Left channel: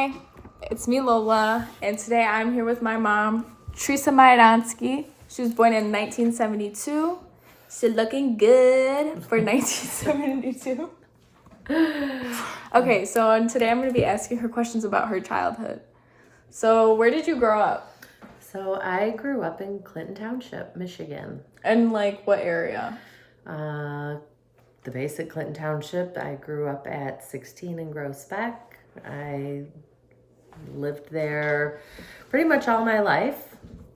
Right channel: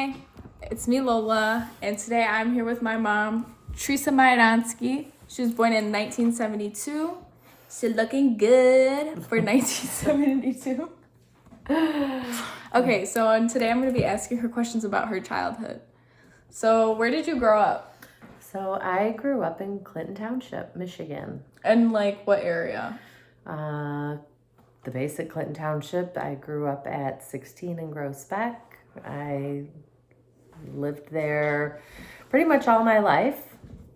Hi, it's me Lola, and today I'm here with my mom, Teresa Majdansky. She was born in 1972. She's looking good for 1972. Okay, so today I'm going to be asking her questions about her childhood. So where did you grow up? So I grew up in Clinton Township, Michigan. And like what area? The basic Clinton Township. I grew up at 16 in Groesbeck. I lived there pretty much all my life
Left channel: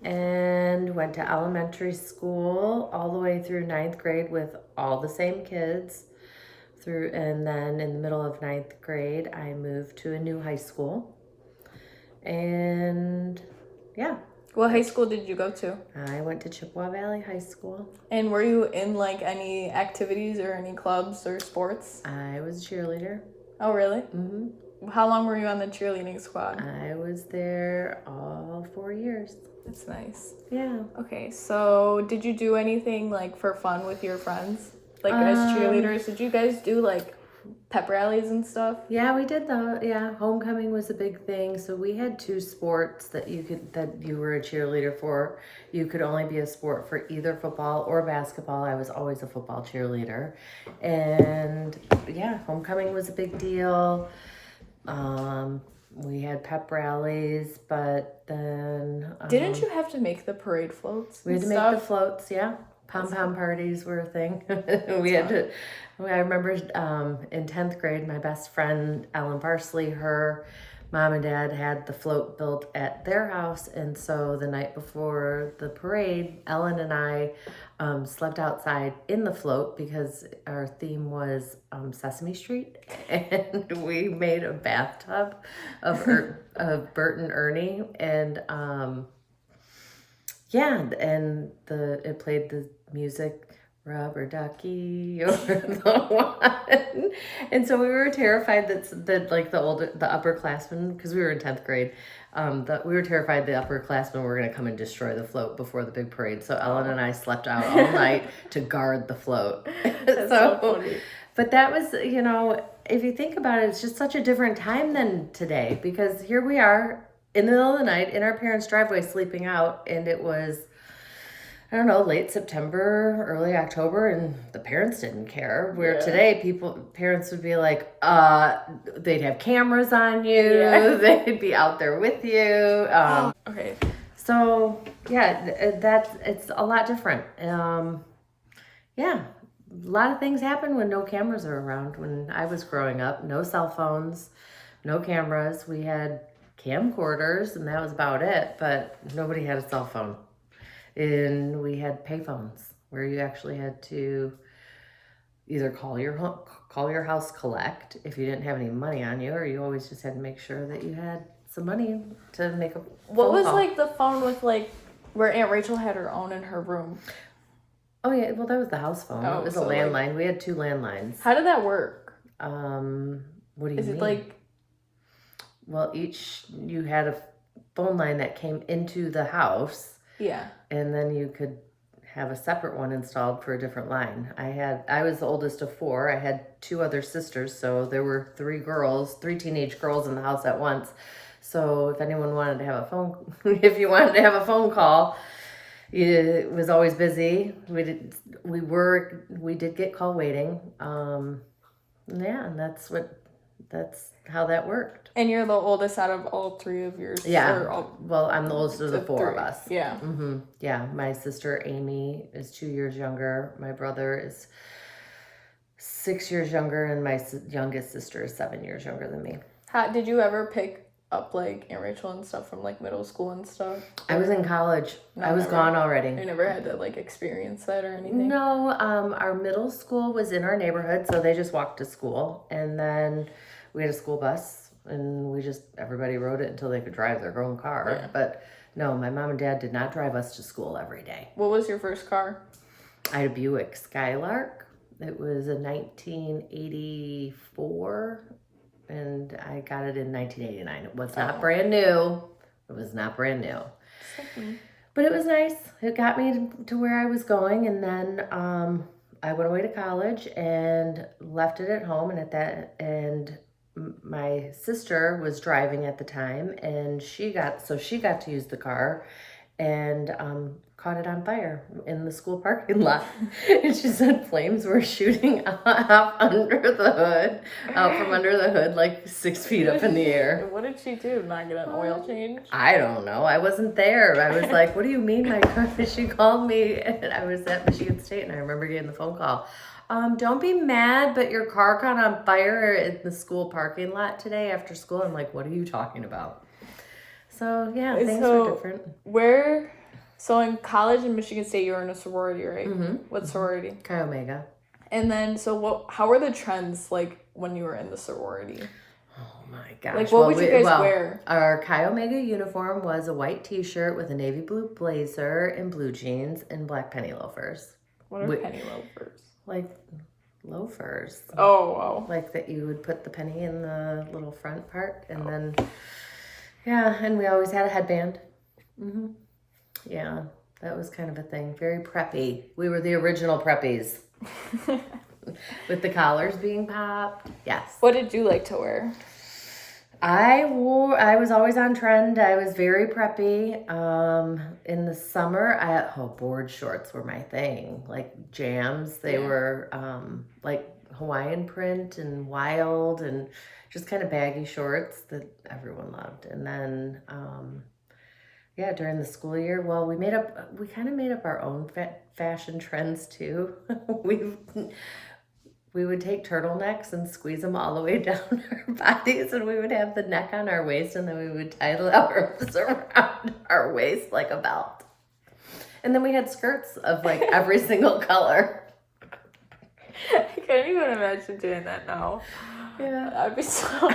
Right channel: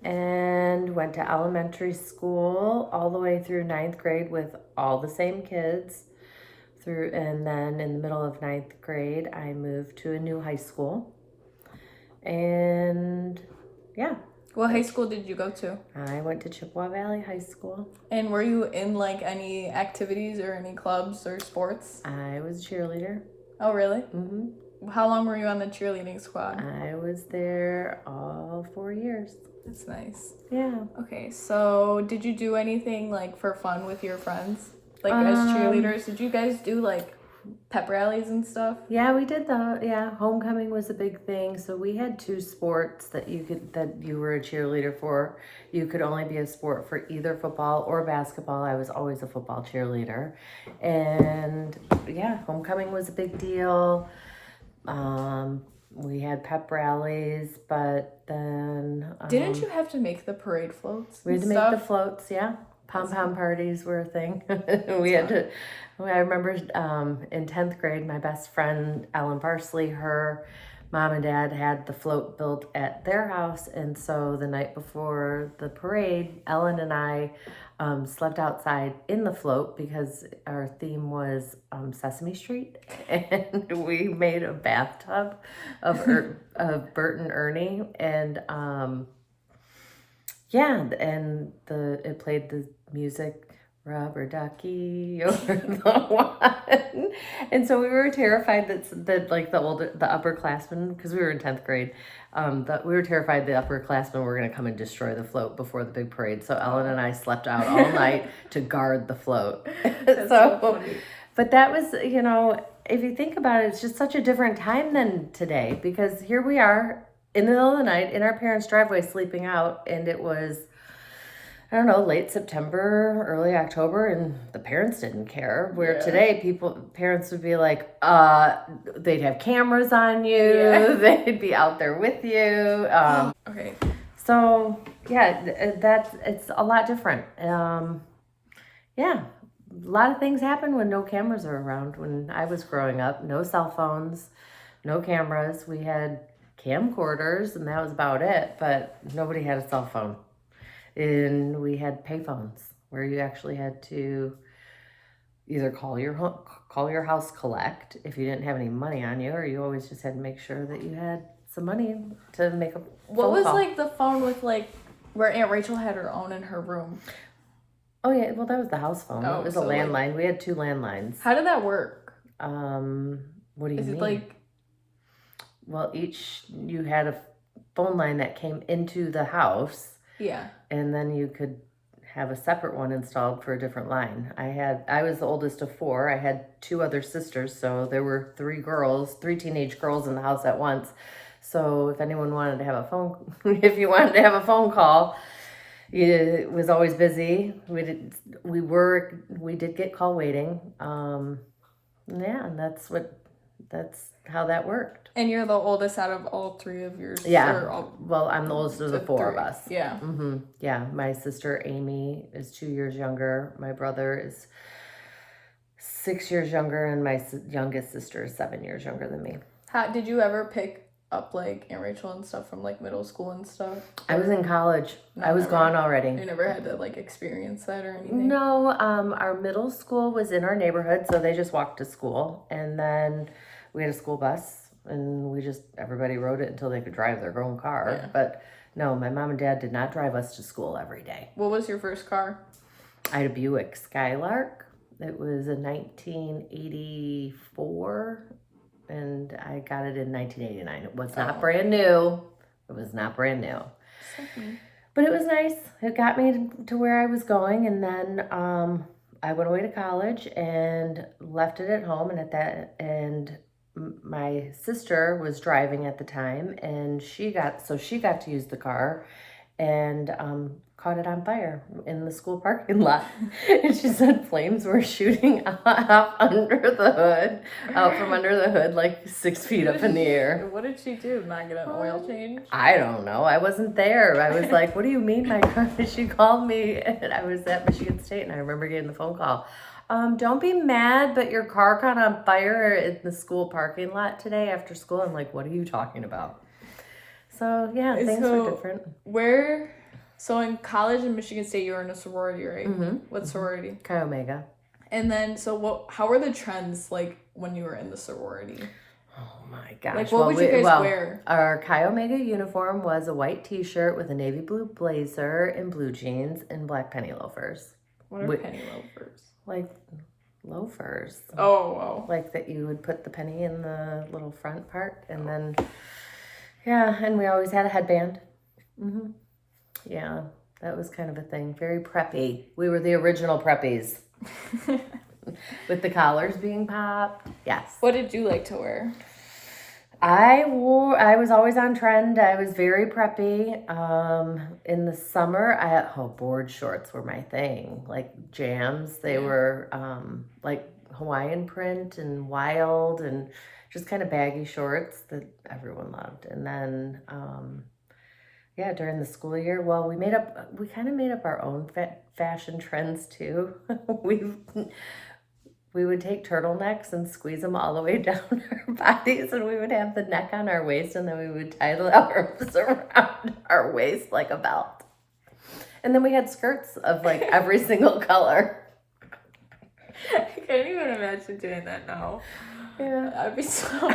and went to elementary school all the way through 9th grade with all the same kids. And then in the middle of 9th grade, I moved to a new high school. And yeah. What high school did you go to? I went to Chippewa Valley High School. And were you in like any activities or any clubs or sports? I was a cheerleader. Oh, really? Mm-hmm. How long were you on the cheerleading squad? I was there all 4 years. That's nice. Yeah. Okay, so did you do anything like for fun with your friends? Like as cheerleaders, did you guys do like pep rallies and stuff? Yeah, we did that. Yeah, homecoming was a big thing. So we had 2 sports that you were a cheerleader for. You could only be a sport for either football or basketball. I was always a football cheerleader. And yeah, homecoming was a big deal. We had pep rallies, but then Didn't you have to make the parade floats? We had to make the floats, yeah. Pom-pom parties were a thing. I remember in 10th grade, my best friend, Ellen Parsley, her mom and dad had the float built at their house. And so the night before the parade, Ellen and I slept outside in the float because our theme was Sesame Street. And we made a bathtub of Bert and Ernie. And it played the music, Rubber Ducky over the one. And so we were terrified that the upperclassmen, because we were in 10th grade, we were terrified the upperclassmen were going to come and destroy the float before the big parade. So Ellen and I slept out all night to guard the float. That's so funny. But that was, if you think about it, it's just such a different time than today, because here we are in the middle of the night in our parents' driveway sleeping out, and it was, I don't know, late September, early October, and the parents didn't care. Where today, parents would be like, they'd have cameras on you, they'd be out there with you. Okay. So yeah, it's a lot different. Yeah, a lot of things happen when no cameras are around. When I was growing up, no cell phones, no cameras. We had camcorders, and that was about it. But nobody had a cell phone. And we had payphones where you actually had to either call your house collect if you didn't have any money on you, or you always just had to make sure that you had some money to make a What was call. like the phone with like where Aunt Rachel had her own in her room? Oh yeah, well that was the house phone. Oh, it was so, a landline. We had 2 landlines. How did that work? What do you mean? Is it like? Well, you had a phone line that came into the house. Yeah. And then you could have a separate one installed for a different line. I was the oldest of 4. I had 2 other sisters, so there were 3 teenage girls in the house at once. So if anyone wanted to have if you wanted to have a phone call, it was always busy. We did get call waiting. Yeah, and that's how that worked. And you're the oldest out of all 3 of yours? Yeah. Well, I'm the oldest of the 4 of us. Yeah. Mm-hmm. Yeah. My sister Amy is 2 years younger. My brother is 6 years younger, and my youngest sister is 7 years younger than me. Did you ever pick up like Aunt Rachel and stuff from like middle school and stuff? I was in college. No, I was gone already. You never had to like experience that or anything? No. Our middle school was in our neighborhood, so they just walked to school, and then we had a school bus. And everybody rode it until they could drive their own car. Yeah. But no, my mom and dad did not drive us to school every day. What was your first car? I had a Buick Skylark. It was a 1984, and I got it in 1989. It was not brand new. It was not brand new. Like me. But it was nice. It got me to where I was going, and then I went away to college and left it at home, and my sister was driving at the time, and she got to use the car, and caught it on fire in the school parking lot. And she said flames were shooting up under the hood, out from under the hood, like 6 feet up in the air. What did she do? Not get an oil change? I don't know. I wasn't there. I was like, what do you mean my car? She called me, and I was at Michigan State, and I remember getting the phone call. Don't be mad, but your car caught on fire in the school parking lot today after school. I'm like, what are you talking about? So, yeah, things are different. So in college in Michigan State, you were in a sorority, right? Mm-hmm. What sorority? Chi Omega. And then, how were the trends like when you were in the sorority? Oh my gosh. Like, what would you guys wear? Our Chi Omega uniform was a white t-shirt with a navy blue blazer and blue jeans and black penny loafers. What are penny loafers? Like loafers. Oh. Like that you would put the penny in the little front part, and then, yeah, and we always had a headband. Mm-hmm. Yeah, that was kind of a thing. Very preppy. We were the original preppies. With the collars being popped. Yes. What did you like to wear? I was always on trend. I was very preppy. In the summer, board shorts were my thing. Like jams. They were like Hawaiian print and wild and just kind of baggy shorts that everyone loved. And then, during the school year, well, we kind of made up our own fashion trends too. We would take turtlenecks and squeeze them all the way down our bodies, and we would have the neck on our waist, and then we would tie the arms around our waist like a belt. And then we had skirts of like every single color. I can't even imagine doing that now. Yeah. I'd be so...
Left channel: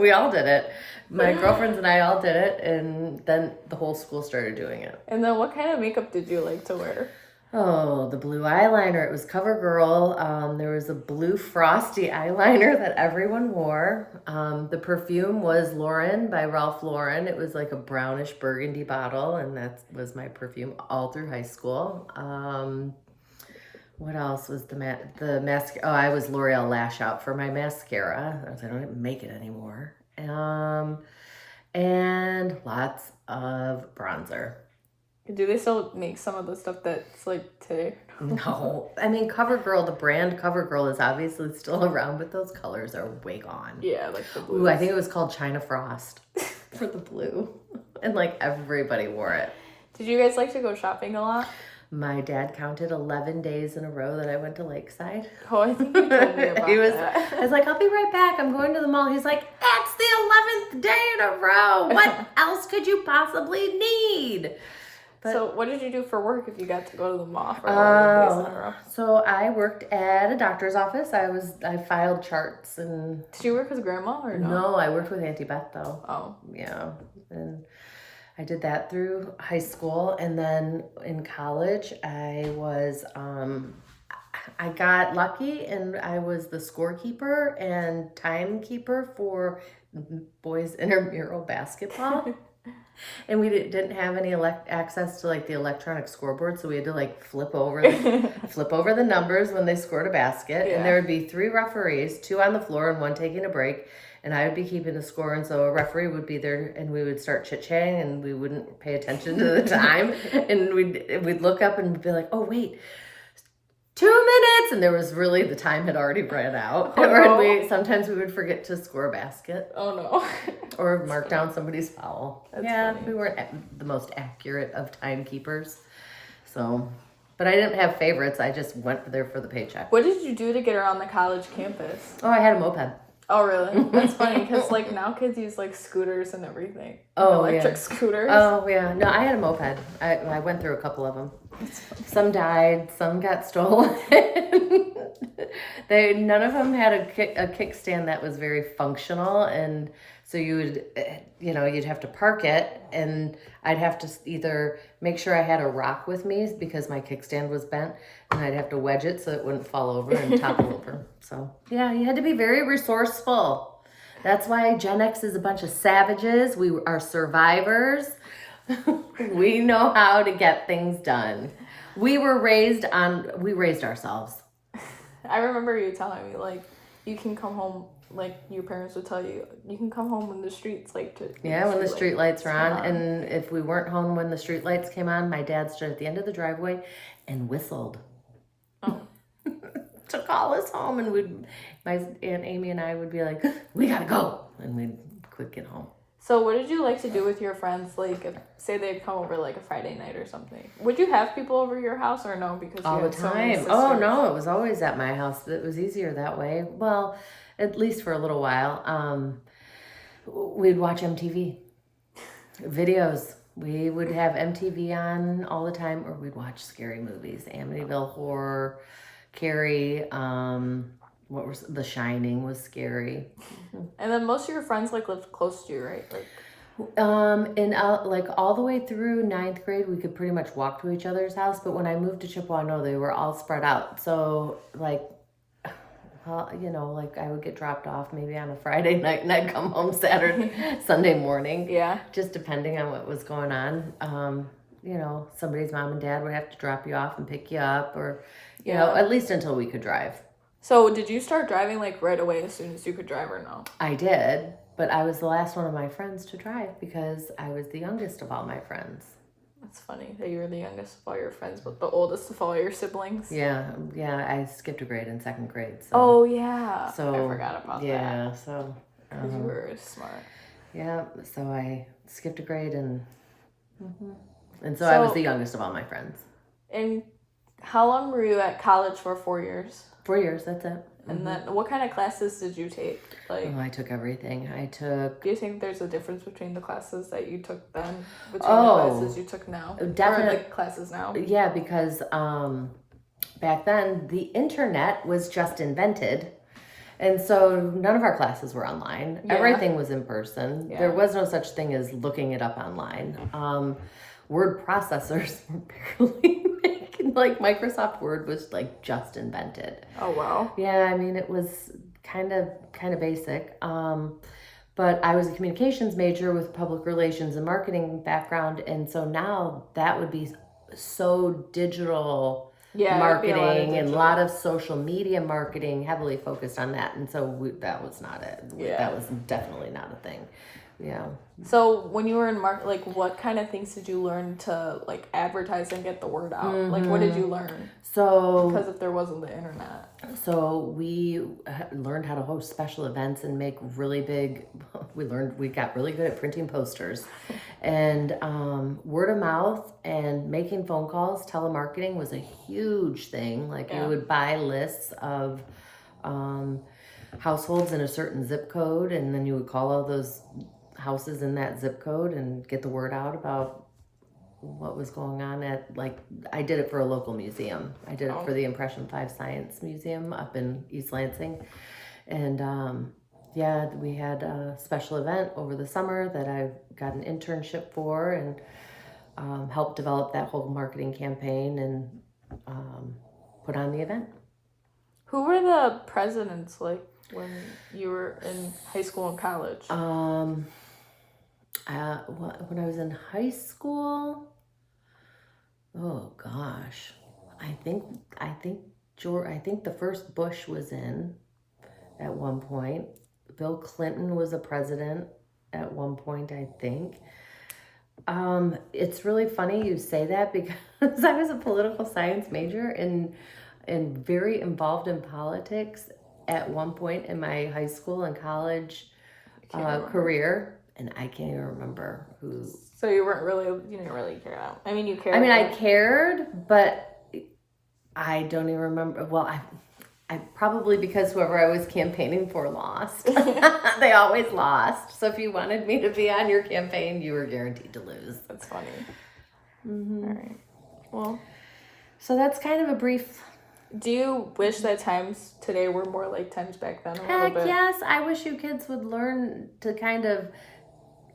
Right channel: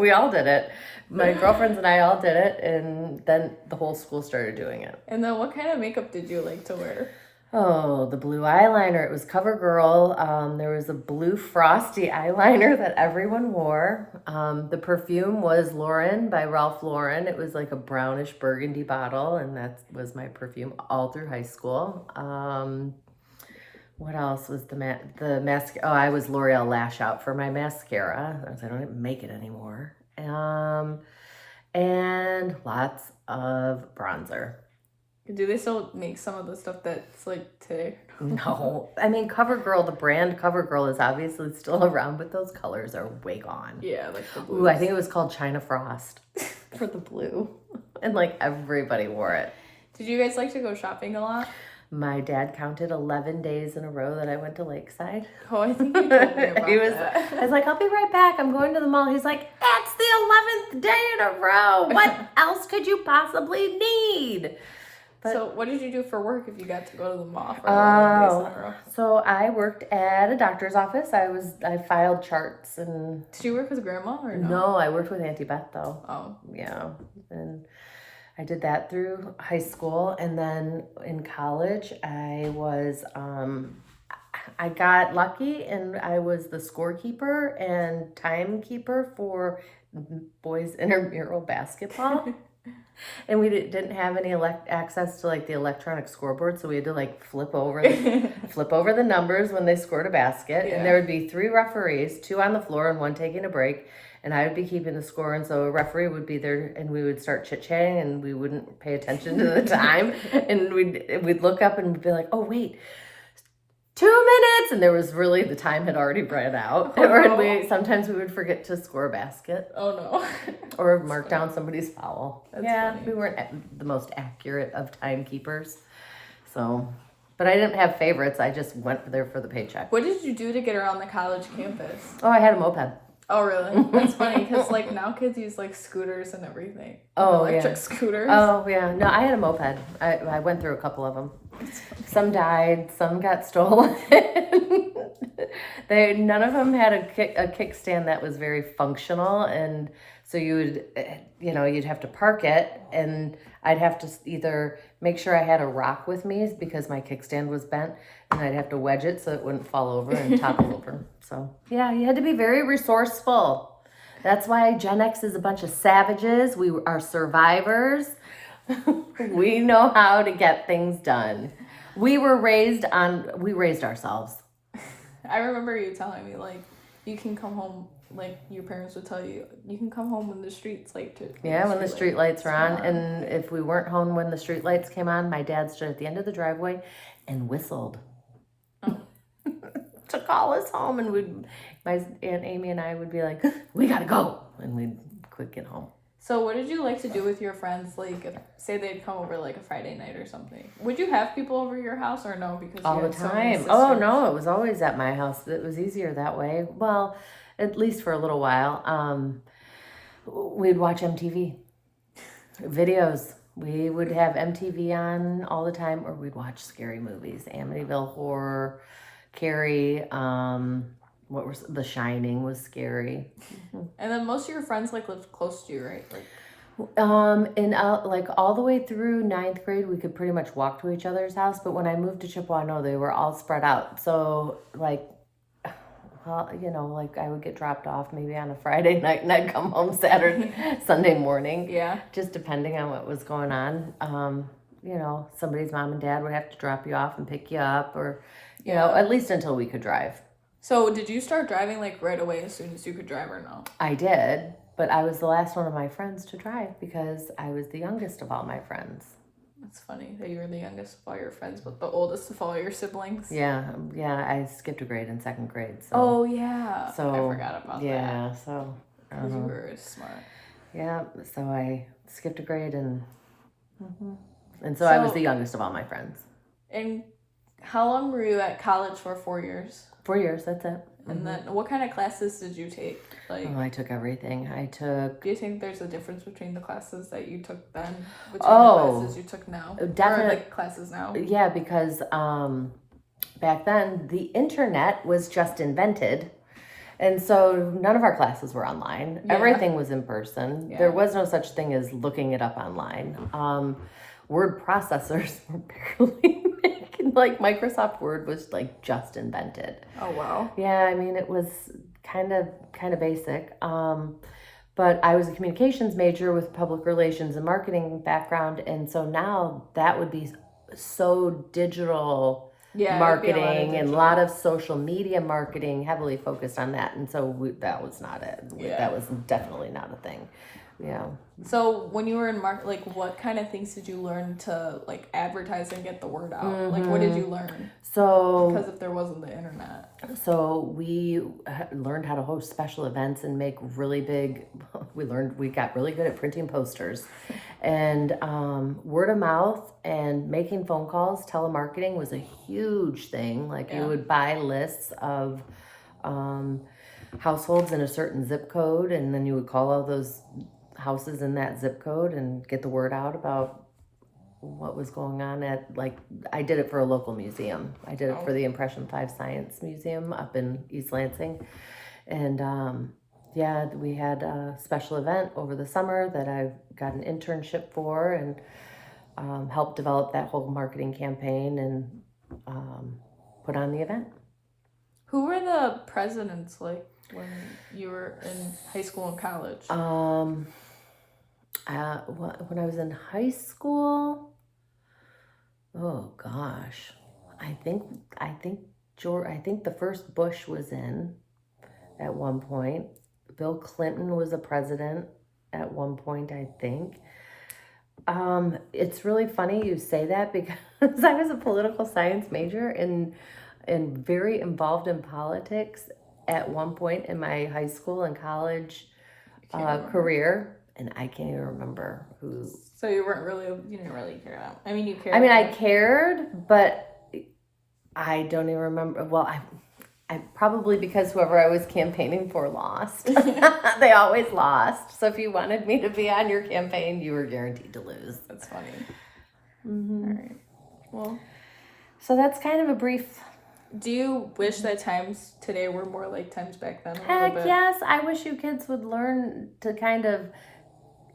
We all did it. My girlfriends and I all did it, and then the whole school started doing it. And then what kind of makeup did you like to wear? Oh, the blue eyeliner. It was CoverGirl. There was a blue frosty eyeliner that everyone wore. The perfume was Lauren by Ralph Lauren. It was like a brownish burgundy bottle, and that was my perfume all through high school. What else was the mascara? Oh, I was L'Oreal Lash Out for my mascara. I don't even make it anymore. And lots of bronzer. Do they still make some of the stuff that's like today? No. I mean, CoverGirl, the brand CoverGirl is obviously still around, but those colors are way gone. Yeah, like the blue. Ooh, I think it was called China Frost for the blue. And like everybody wore it. Did you guys like to go shopping a lot? My dad counted 11 days in a row that I went to Lakeside. Oh, I think you told me about that. I was like, I'll be right back. I'm going to the mall. He's like, that's the 11th day in a row. What else could you possibly need? So what did you do for work if you got to go to the mall for 11 days in a row? So I worked at a doctor's office. I filed charts and... Did you work with grandma or no? No, I worked with Auntie Beth though. Oh. Yeah. And I did that through high school. And then in college, I got lucky and I was the scorekeeper and timekeeper for boys intramural basketball. And we didn't have any access to like the electronic scoreboard, so we had to like flip over the numbers when they scored a basket. Yeah. And there would be 3 referees, 2 on the floor and 1 taking a break, and I would be keeping the score. And so a referee would be there, and we would start chit-chatting, and we wouldn't pay attention to the time, and we'd look up and be like, oh wait, 2 minutes, and there was really the time had already run out. Oh, no. Or sometimes we would forget to score a basket. Oh no. Or mark down somebody's foul. That's funny. We weren't the most accurate of timekeepers. So, but I didn't have favorites. I just went there for the paycheck. What did you do to get around the college campus? Oh, I had a moped. Oh, really? That's funny because like now kids use like scooters and everything. Oh, electric scooters. Oh, yeah. No, I had a moped. I went through a couple of them. Some died, some got stolen. None of them had a kickstand that was very functional, and so you'd have to park it, and I'd have to either make sure I had a rock with me because my kickstand was bent, and I'd have to wedge it so it wouldn't fall over and topple over. So yeah, you had to be very resourceful. That's why Gen X is a bunch of savages. We are survivors. We know how to get things done. We raised ourselves. I remember you telling me like you can come home like your parents would tell you, you can come home when the streets like to. Yeah, when the street lights are on. on. And if we weren't home when the street lights came on, my dad stood at the end of the driveway and whistled. Oh. To call us home, and my Aunt Amy and I would be like, we gotta go, and we'd quick get home. So what did you like to do with your friends? Like, if, say they'd come over like a Friday night or something. Would you have people over your house or no? Because All you the had so many time. sisters. Oh no, it was always at my house. It was easier that way. Well, at least for a little while. We'd watch MTV videos. We would have MTV on all the time, or we'd watch scary movies. Amityville Horror, Carrie. What was The Shining was scary. And then most of your friends like lived close to you, right? Like. Like all the way through 9th grade, we could pretty much walk to each other's house. But when I moved to Chippewa, no, they were all spread out. So like, well, you know, like I would get dropped off maybe on a Friday night, and I'd come home Sunday morning. Yeah. Just depending on what was going on. You know, somebody's mom and dad would have to drop you off and pick you up, or you know, at least until we could drive. So did you start driving like right away as soon as you could drive, or no? I did. But I was the last one of my friends to drive because I was the youngest of all my friends. That's funny that you were the youngest of all your friends, but the oldest of all your siblings. Yeah. I skipped a grade in 2nd grade. So. Oh, yeah. So I forgot about that. Yeah, so. Because you were smart. Yeah, so I skipped a grade, and so I was the youngest of all my friends. And how long were you at college for? 4 years? 4 years, that's it. And then what kind of classes did you take? Like, I took everything. Do you think there's a difference between the classes that you took then between the classes you took now? Definitely. Or like classes now? Yeah, because back then the internet was just invented. And so none of our classes were online. Yeah. Everything was in person. Yeah. There was no such thing as looking it up online. Word processors were barely like Microsoft Word was like just invented. Oh wow. Yeah, I mean it was kind of basic. But I was a communications major with public relations and marketing background, and so now that would be so digital marketing and a lot of social media marketing, heavily focused on that. And so that was not it. Yeah. That was definitely not a thing. Yeah. So when you were in like what kind of things did you learn to like advertise and get the word out? Like what did you learn? So because if there wasn't the internet. So we learned how to host special events and make really big. We got really good at printing posters, and word of mouth and making phone calls. Telemarketing was a huge thing. Like we would buy lists of households in a certain zip code, and then you would call all those houses in that zip code and get the word out about what was going on at, like, I did it for a local museum. I did it for the Impression 5 Science Museum up in East Lansing. And we had a special event over the summer that I got an internship for, and helped develop that whole marketing campaign and put on the event. Who were the presidents like when you were in high school and college? When I was in high school, oh gosh, I think the first Bush was in at one point. Bill Clinton was a president at one point, I think. It's really funny you say that because I was a political science major and very involved in politics at one point in my high school and college career. And I can't even remember who. So you didn't really care. I mean, you cared. I mean, I cared, but I don't even remember. Well, I probably because whoever I was campaigning for lost. They always lost. So if you wanted me to be on your campaign, you were guaranteed to lose. That's funny. Mm-hmm. All right. Well, so that's kind of a brief. Do you wish that times today were more like times back then? Heck yes. I wish you kids would learn to kind of.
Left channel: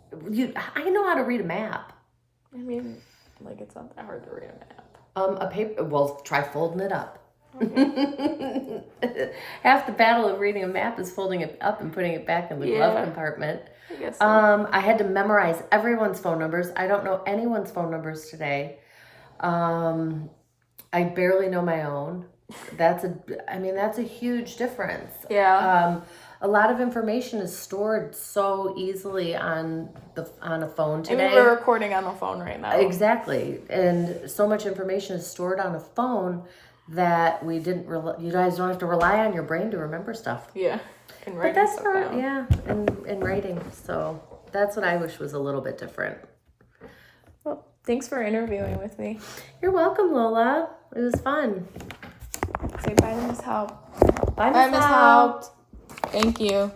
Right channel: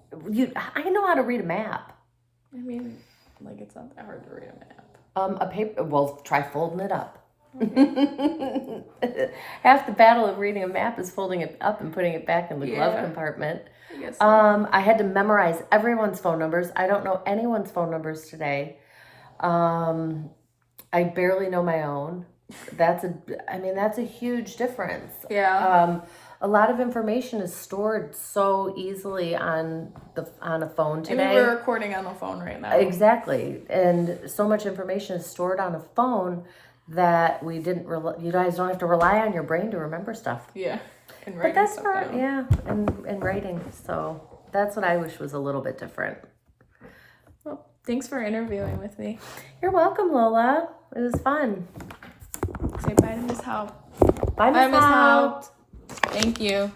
I know how to read a map. I mean, like it's not that hard to read a map. A paper. Well, try folding it up. Okay. Half the battle of reading a map is folding it up and putting it back in the glove compartment. I guess so. I had to memorize everyone's phone numbers. I don't know anyone's phone numbers today. I barely know my own. That's a huge difference. Yeah. a lot of information is stored so easily on a phone today. I mean, we're recording on the phone right now. Exactly, and so much information is stored on a phone that you guys don't have to rely on your brain to remember stuff. Yeah, and But writing that's stuff not, down. yeah, and writing. So that's what I wish was a little bit different. Well, thanks for interviewing with me. You're welcome, Lola. It was fun. Say bye to Miss Haupt. Bye, Bye, Miss Miss Haupt. Haupt. Thank you.